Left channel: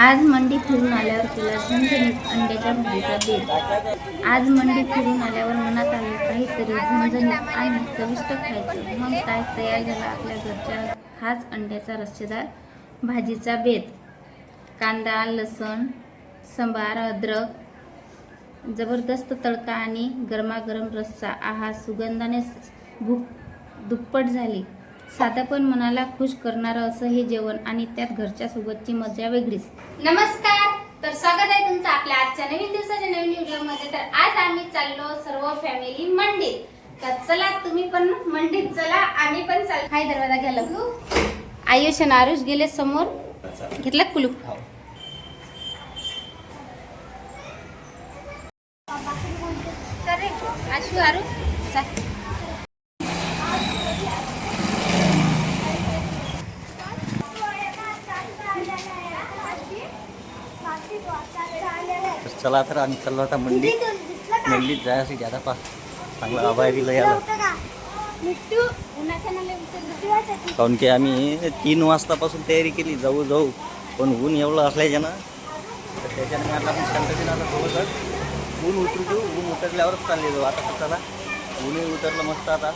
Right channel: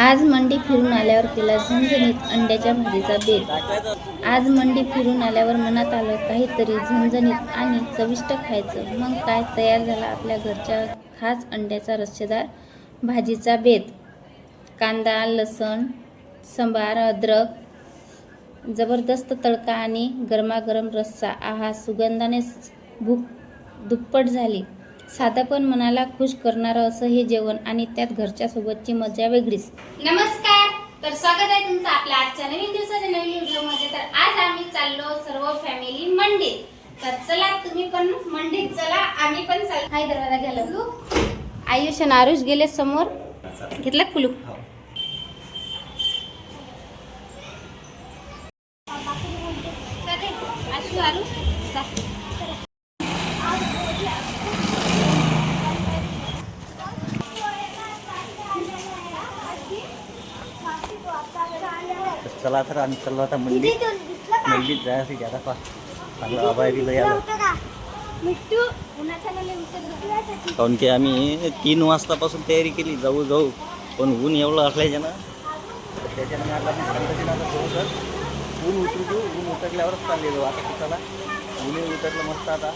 आज मंडी फिरून आल्यावर केला झणझणीत अंड्याच्या भाजीचा बेत। आज मंडी फिरून आल्यावर मनात आलं काहीतरी झणझणीत आणि चविष्ट खायचं। मग काय तयार झाला आपल्या घरच्या खास अंड्याचा रस्सेदार भाजीचा बेत। कांदा, लसण, सांबार, अद्रक, जबरदस्त तडका आणि गरमागरम रस्सा। आहा, सुगंधाने भूक दुप्पट झाली। साधं पण मनाला खुश करणारं असं हे जेवण आणि त्यात घरच्या सोबतची मजा वेगळीच। नमस्कार, तर स्वागत आहे तुमचं आपल्या आजच्या नवीन दिवसाच्या नवीन व्हिडिओमध्ये। तर आज आम्ही चाललो सर्व फॅमिली मंडीत। तर चला तुम्ही पण मंडीत चला, आम्ही पण चल। हाय, दरवाजा घ्या। आयुष आणि आरुष गेले समोर, घेतला कुलूप। आशू आरुष चला तर आम्ही चाललो आता मंडीत जायचं ज्यादा चांगला आभार दिलं याला। काऊन की आम्ही 3 वाजतापासून तयारी केली जाऊ पण ऊन एवढं असल्याच्यानं तर त्याच्यानं मी आता आपण शांततेनं आता थोडंसं ऊन उतरू देऊ। ऊन उतरल्यावरच चालले जाऊ। आता चला ऊनही उतरलं मस्त। आता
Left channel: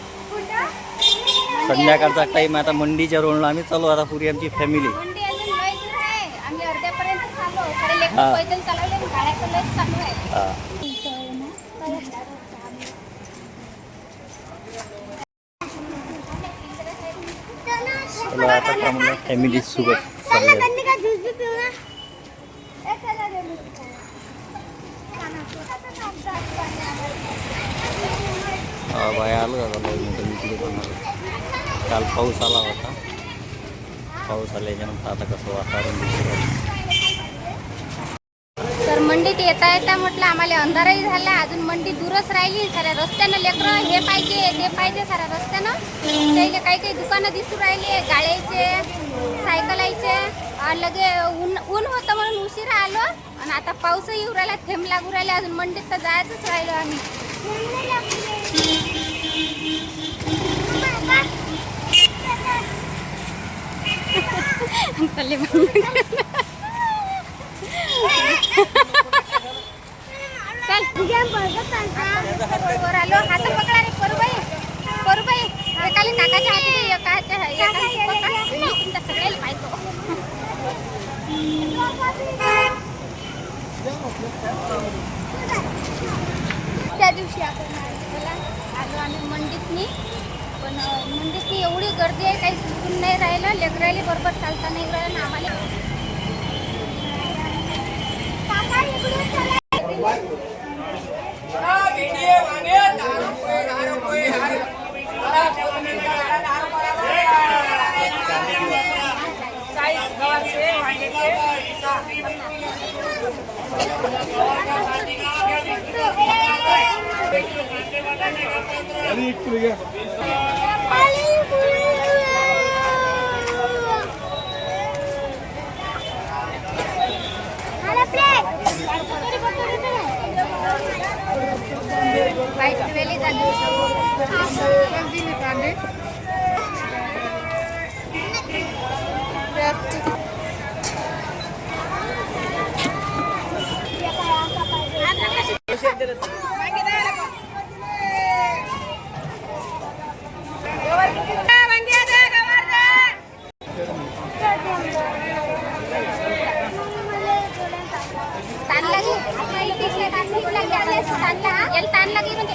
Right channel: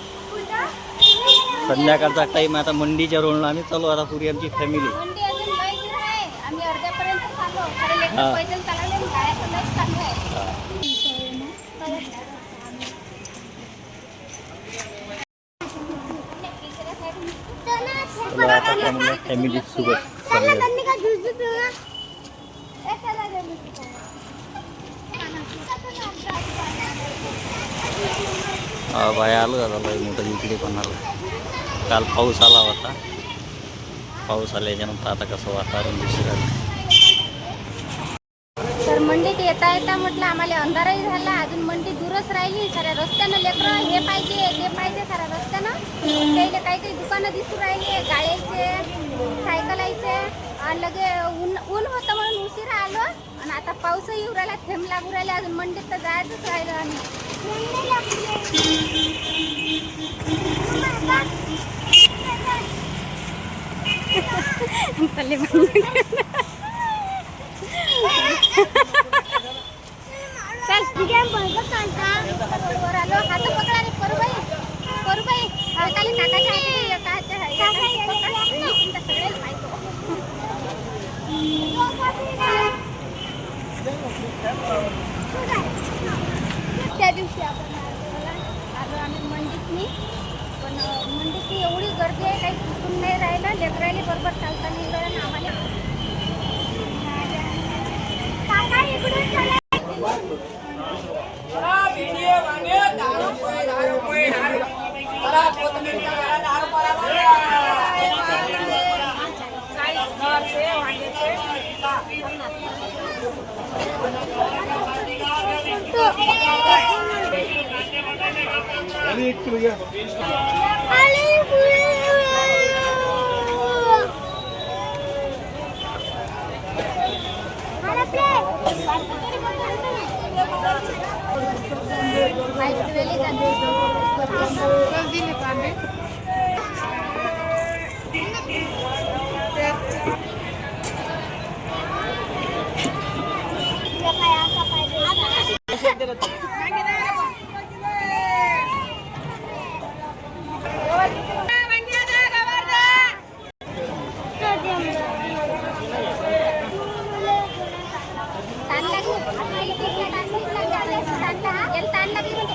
संध्याकाळचा टाईम आता मंडीच्या रोडला आम्ही चालू आता पुरी आमची फॅमिली। आता म्हणलं फॅमिली सोबत बाय आलं का झालं मोठं इकडे पण आलं। काल पाऊस आला होता, पाऊस आल्याच्यानंतर आता कसं वातावरण दिसू राहिलं। तर मंडीत येता म्हटलं आम्हाला अंधारही झाला, अजून मंडी दूरच राहिली। साऱ्या रस्त्यानं लेकरं हे पाहिजे ते पाहिजे, साऱ्या रस्त्यानं त्याला काही दुकानं दिसू राहिले, गाड्याचे, सायकलाचे। लगे ऊन होतं म्हणून उशिरा आलो आणि आता पाऊसही येऊ राहिला, थेंब लागू राहिले। अजून मंडीत तर जायचंच राहिलं आम्ही। वर आलो, हात पकडा रे परूबाई। काली काकाच्या सगळ्याला पाहिजे। त्या दिवशी आपण आलो आम्ही मंडीतनी, पण मंडीतनी एवढी गर्दी आहे काही सुचून नाही राहिलं। लेकरायला बरोबर चालता नाही राहिलं ना आम्हाला।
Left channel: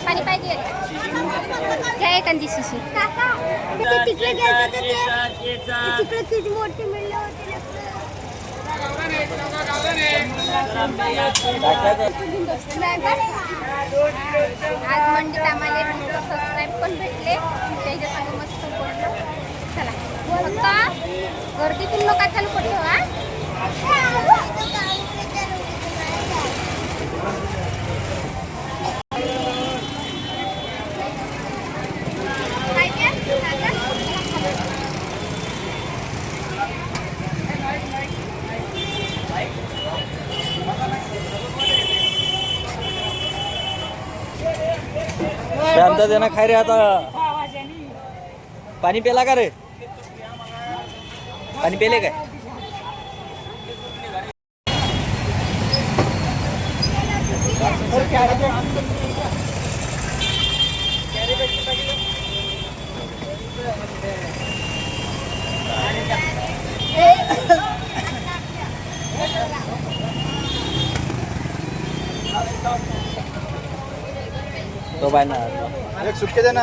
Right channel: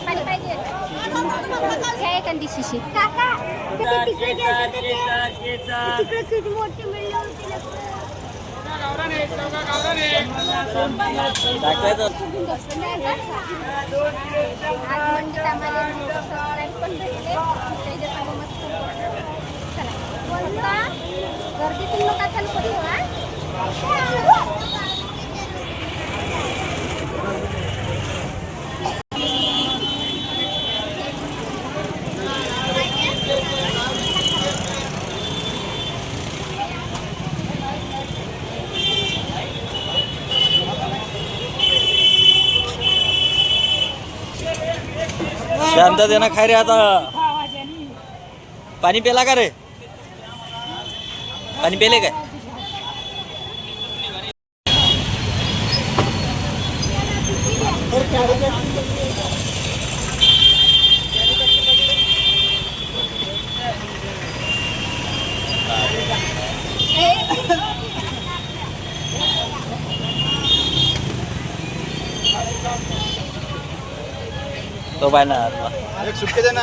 पाणी पाहिजे शिशी किती मोठी मिळली होती। आज मंडीत आम्हाला सबस्क्राईब पण भेटले, त्याच्यासमोर मस्त बोललो। चला फक्त गर्दीतून नका चालू करू हा। शांततेनं खाय रे। आता पाणी पेला का रे? पाणी पेले काय? तो पाय ना एक सुट्टे दे ना.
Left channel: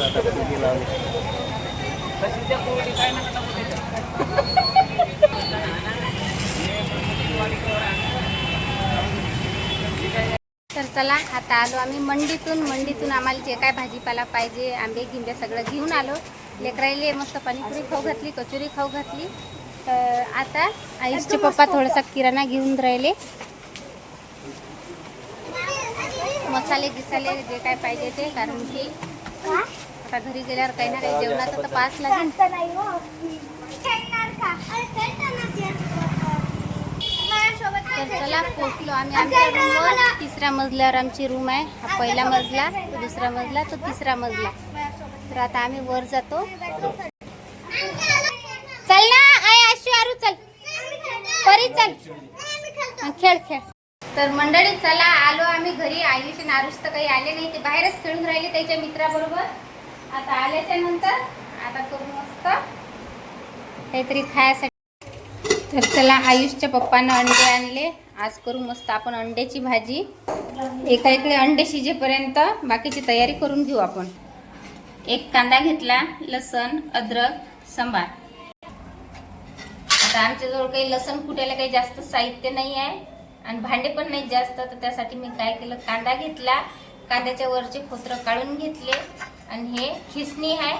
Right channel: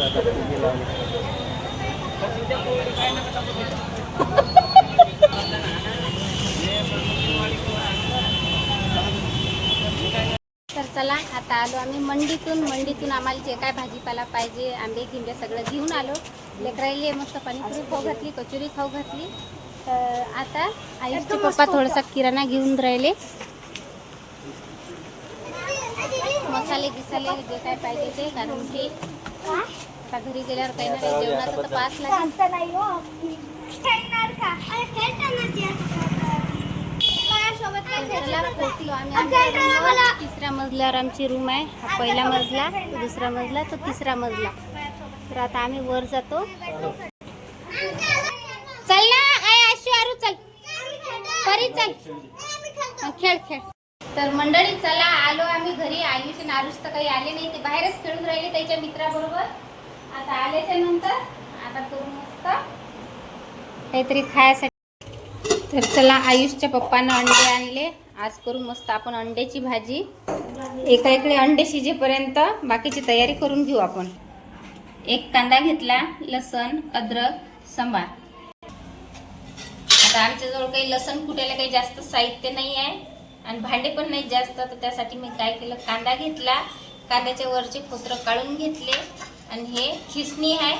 मस्त आता फुगे लावले. तर चला आता आलो आम्ही मंडीतून आम्हाला जे काय भाजीपाला पाहिजे आंबे गिंबे सगळं घेऊन आलो. लेकरायले मस्त पाणीपुरी खाऊ घातली, कचोरी खाऊ घातली. तर आता आयुषचे पप्पा थोडासा किराणा घेऊन राहिले. मसाले गिसाले जे काय पाहिजे ते, कारण की आता घरी गेल्यावर काही ना काही जेवणाचं तर पास लागेल. तर चला पोचलो आम्ही आमच्या रूमवर. 3ऱ्या मजल्यावर आमची रूम आहे. हा पहिला मजला, तो 2रा मजला, तो 3रा मजला. तर आता आम्ही वर जातो. चल ना आशू आरू चल परी चल खेळ खेळ. तर मंडळी चला आलो आम्ही घरी. आयुष आणि आरुष तर काही आले नाही, ते बाहेरच खेळून राहिले त्याच्या मित्राबरोबर. आता आल्याच्या नंतर आता करू मस्त काहीतरी खायसाठी. तर चला आयुषच्या पप्पानं अंडे आणले. आज करू मस्त आपण अंड्याची भाजी. एका इकडे अंडे शिजेपर्यंत बाकीची तयारी करून घेऊ आपण. एक कांदा घेतला, लसण, अद्रक, सांबार. आता आमच्याजवळ काही लसण कुटायला काही जास्त साहित्य नाही आहे आणि भांडे पण नाही जास्त. तर त्यासाठी मी काय केलं, कांदा घेतला, कांद्याच्या वरचे फोत्र काढून घेतले आणि हे खिसणी आहे,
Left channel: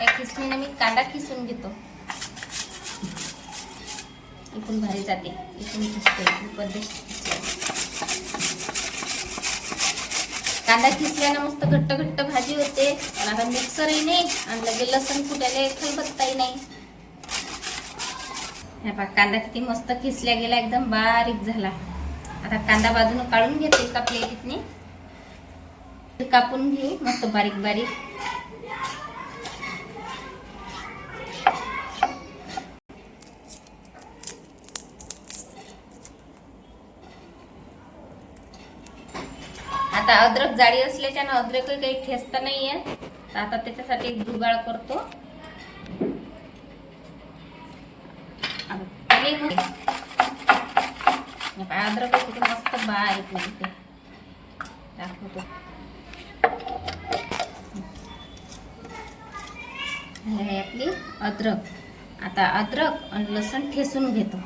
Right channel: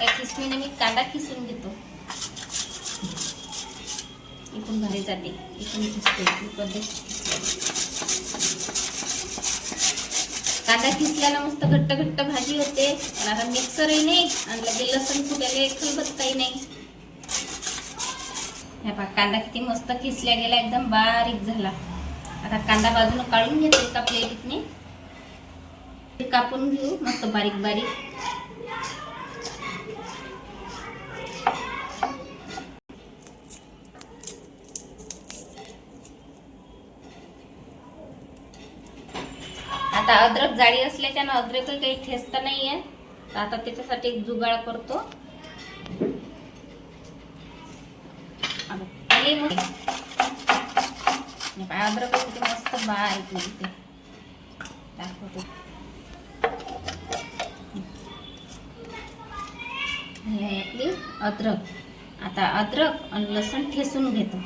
या खिसणीने मी कांदा खिसून घेतो. इकडून भारी जाते, इकडून खिसते पद्धत. कांदा खिसल्यानं मस्त घट्ट घट्ट भाजी होते. पण आता मिक्सरही नाही आणि लगे लसण कुटायला खलबत्ताही नाही. हे पहा कांदा किती मस्त खिसल्या गेला, एकदम बारीक झाला. आता कांदा बाजूने काढून घेते एका प्लेटीतनी. कापून घेऊ मस्त बारीक बारीक. आता अद्रक जाडी असल्याच्यानं अद्रक काही ठेचता नाहीये. आता त्याच्यासाठी एक जुगाड करतो. अद्रक किती मस्त बारीक लागते, दाखवतो. हे आपली अद्रक. आता अद्रक आणि लसण ठेचून घेतो.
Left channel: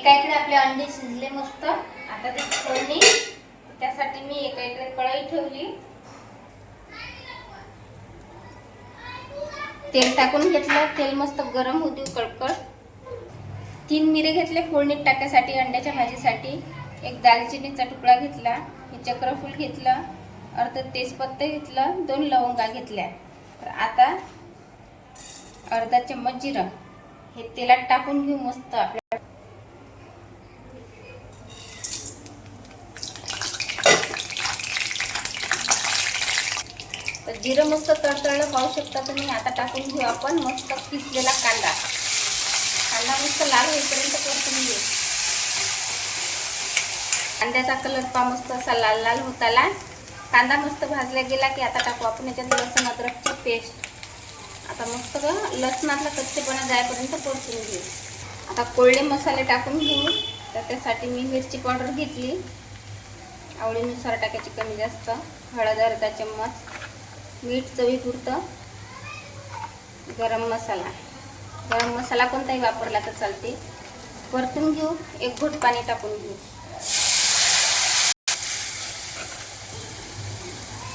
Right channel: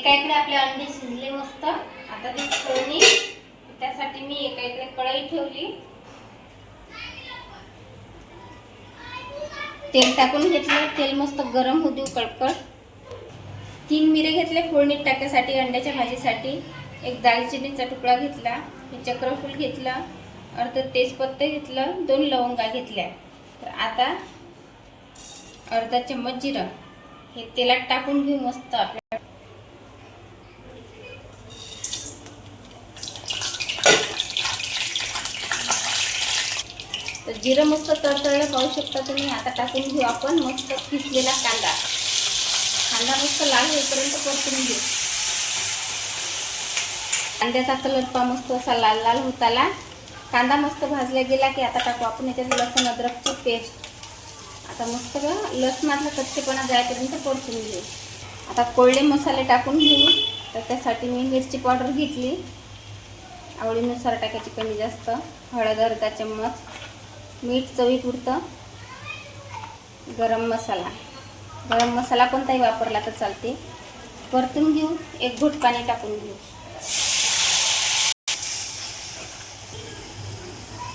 एका आपले अंडे शिजले मस्त. आता ते फोडणी, त्यासाठी मी एका इकडे कढई ठेवली. तेल टाकून घेतलं. तेल मस्त गरम होऊ देऊ कडकड. 3 मिरे घेतले फोडणीत टाकायसाठी अंड्याच्या भाजीसाठी. एक दालचिनीचा तुकडा घेतला, हे चक्रफूल घेतलं, अर्ध तेजपत्ता घेतलं, 2 लवंगा घेतल्या. तर आता अर्धा चम्मच जिरं हे तेलात टाकून घेऊ मस्त. आपल्या तर जिरं मस्त तडतडलं पाहू शकता तुम्ही. आता टाकून घेऊ आपण मस्त किसलेला कांदा. कांदा मस्त लाल होईपर्यंत परतून घेऊ. कांद्याचा कलर पहा मस्त असा लाल लाल होत आला. कांदा मस्त भाजला गेला की आता टाकू आपण याच्यात लसण अद्रकची पेस्ट. आता मस्त लसणातला कच्चेपणा जाईपर्यंत परतून घेऊ. आता कोरडे मसाले टाकून घेऊ. तर त्यासाठी मी मिरची पावडर घेतली, आवडीनुसार टाकायची, कमी जास्त. हळद अर्धा चम्मच, मीठ चवीपुरतं, गरम मसाला कोणताही वापरला तर चालते. परतून घेऊ. एक घोट पाणी टाकून घेऊ.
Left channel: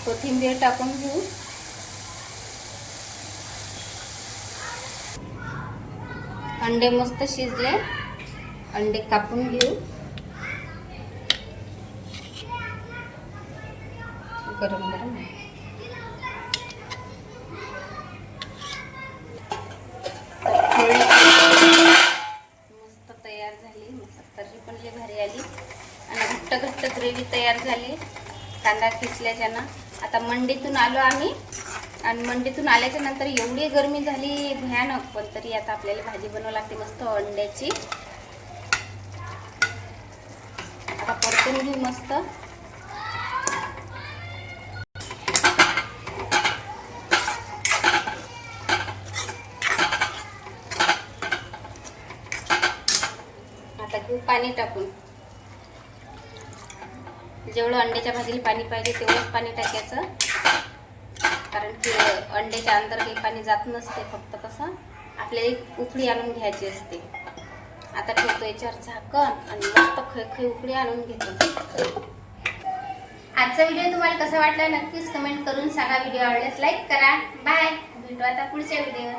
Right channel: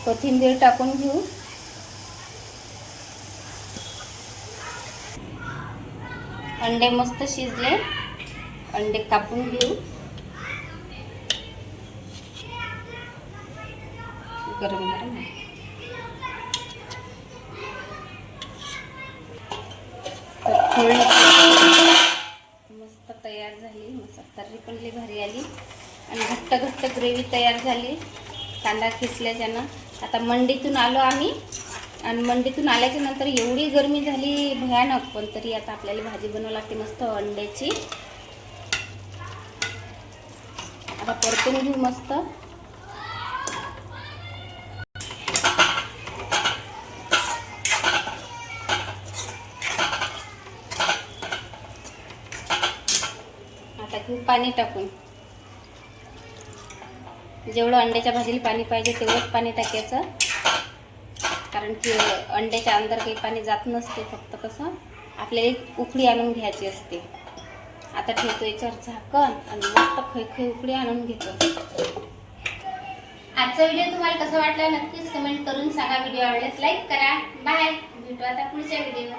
कोथिंबीर टाकून घेऊ. अंडे मस्त शिजले, अंडे कापून घेऊ. गरम गरम मस्त तयार झाली. मस्त तर्री पण लई भारी आली आणि घट्ट घट्ट ग्रेव्ही तयार झाली कांदा खिसल्याच्यानं. आता मंडीतून आलो आम्ही आणि मंडीतून आल्याच्या नंतर एवढी गरमी झाली भयानक. पण तरी आता आपल्याला भाजी बनवावी लागते मस्त अंड्याची. आता परतून घेऊ मस्त. पाणी टाकून. जेवढं अंड्याच्या भाजीला पाणी पाहिजे तेवढंच पाणी टाकायचं, कारण की अंड्याच्या अंदर काही पाणी जात नसते, फक्त कसं आपल्याला एक उकळी आणून घ्यायची असते. आता ठेवतो याच्यावर झाकण आणि मस्त खळखळ उकळी आणून घेतो. आजचा व्हिडिओ तुम्हाला कसा वाटला नक्कीच कमेंट करून सांगा. व्हिडिओ आवडल्यास लाईक करा. बाय, भेटू आता पुढच्या व्हिडिओ.